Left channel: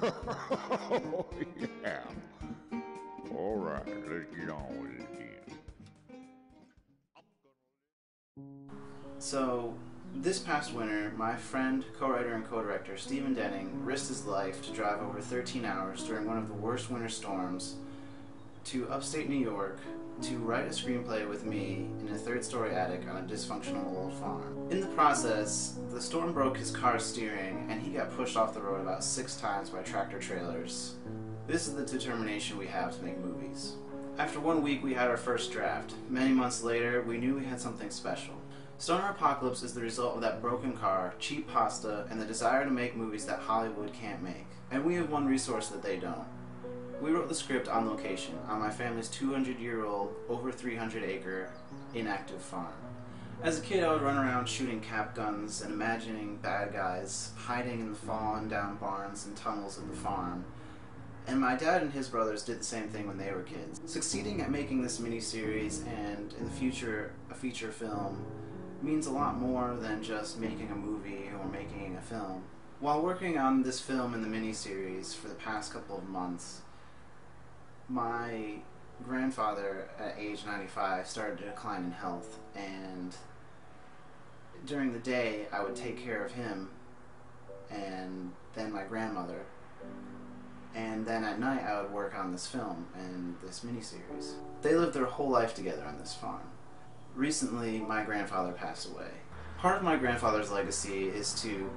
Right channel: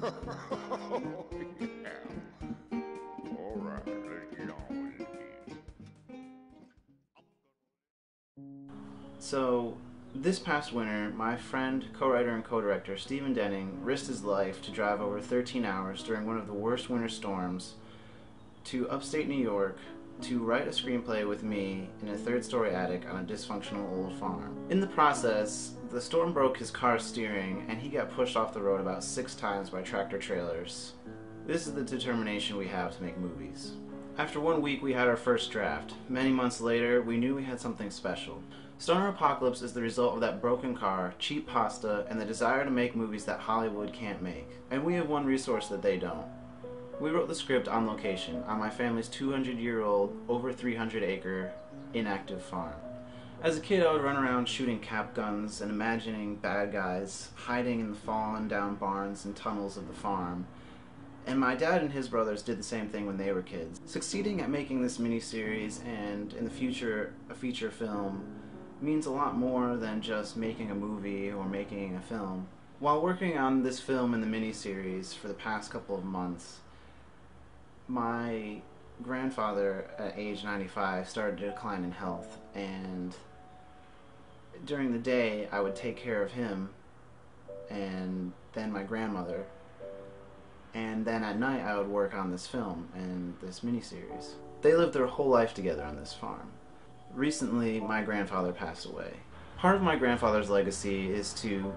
Oh, yeah. All right, let's get on with it then. So, this past winter, my friend, co-writer, and co-director Stephen Denning risked his life to drive over 13 hours during one of the worst winter storms to upstate New York to write a screenplay with me in a third-story attic on a dysfunctional old farm. In the process, the storm broke his car's steering and he got pushed off the road about 6 times by tractor trailers. This is the determination we have to make movies. After 1 week, we had our first draft. Many months later, we knew we had something special. Stoner Apocalypse is the result of that broken car, cheap pasta, and the desire to make movies that Hollywood can't make. And we have one resource that they don't. We wrote the script on location, on my family's 200-year-old, over 300-acre, inactive farm. As a kid, I would run around shooting cap guns and imagining bad guys hiding in the fallen down barns and tunnels of the farm. And my dad and his brothers did the same thing when they were kids. Succeeding at making this miniseries and, in the future, a feature film means a lot more than just making a movie or making a film. While working on this film and the miniseries for the past couple of months, my grandfather at age 95 started to decline in health, and during the day I would take care of him and then my grandmother, and then at night I would work on this film and this miniseries. They lived their whole life together on this farm. Recently, my grandfather passed away. Part of my grandfather's legacy is to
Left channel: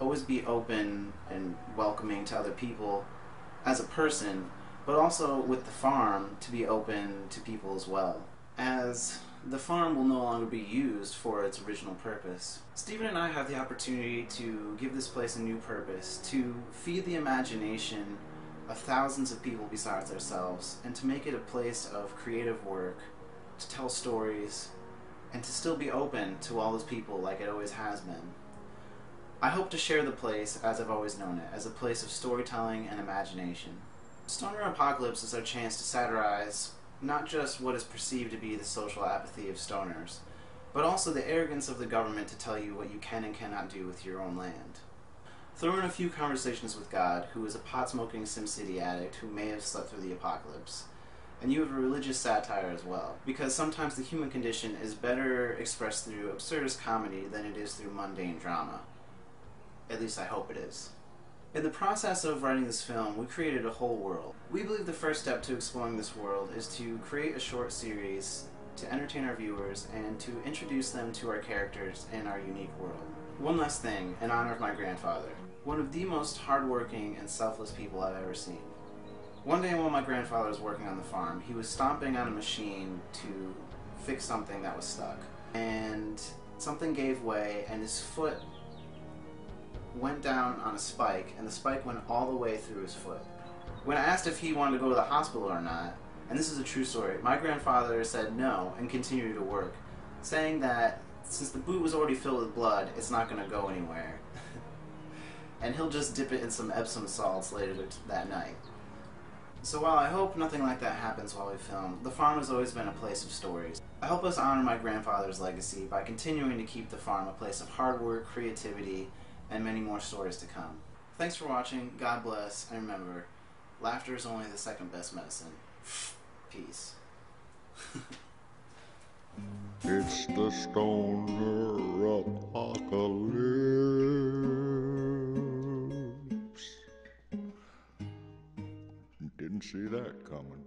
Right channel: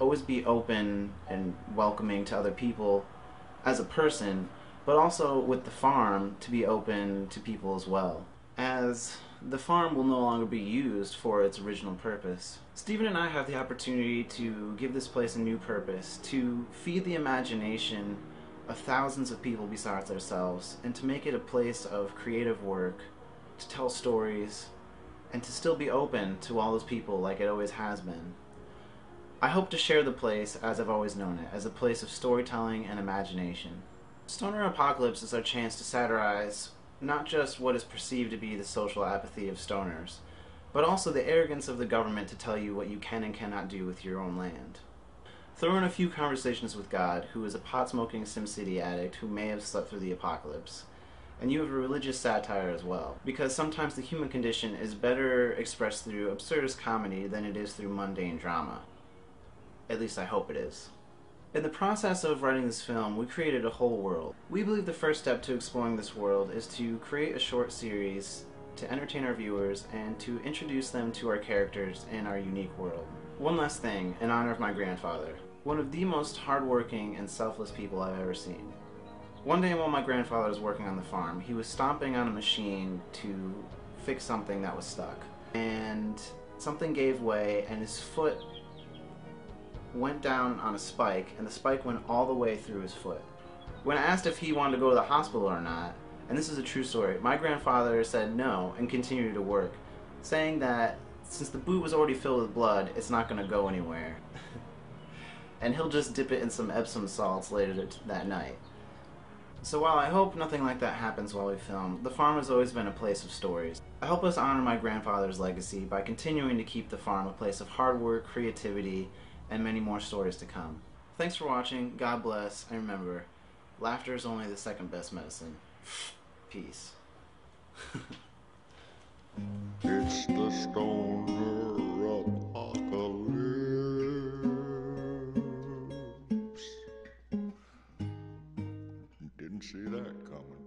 always be open and welcoming to other people as a person, but also with the farm to be open to people as well, as the farm will no longer be used for its original purpose. Stephen and I have the opportunity to give this place a new purpose, to feed the imagination of thousands of people besides ourselves, and to make it a place of creative work, to tell stories, and to still be open to all those people like it always has been. I hope to share the place as I've always known it, as a place of storytelling and imagination. Stoner Apocalypse is our chance to satirize not just what is perceived to be the social apathy of stoners, but also the arrogance of the government to tell you what you can and cannot do with your own land. Throw in a few conversations with God, who is a pot-smoking SimCity addict who may have slept through the apocalypse, and you have a religious satire as well, because sometimes the human condition is better expressed through absurdist comedy than it is through mundane drama. At least I hope it is. In the process of writing this film, we created a whole world. We believe the first step to exploring this world is to create a short series to entertain our viewers and to introduce them to our characters and our unique world. One last thing, in honor of my grandfather, one of the most hardworking and selfless people I've ever seen. One day while my grandfather was working on the farm, he was stomping on a machine to fix something that was stuck. And something gave way and his foot went down on a spike, and the spike went all the way through his foot. When I asked if he wanted to go to the hospital or not, and this is a true story, my grandfather said no and continued to work, saying that since the boot was already filled with blood, it's not going to go anywhere. And he'll just dip it in some Epsom salts later that night. So while I hope nothing like that happens while we film, the farm has always been a place of stories. I hope us honor my grandfather's legacy by continuing to keep the farm a place of hard work, creativity, and many more stories to come. Thanks for watching, God bless, and remember, laughter is only the second best medicine. Peace. It's the Stoner Apocalypse. Didn't see that coming.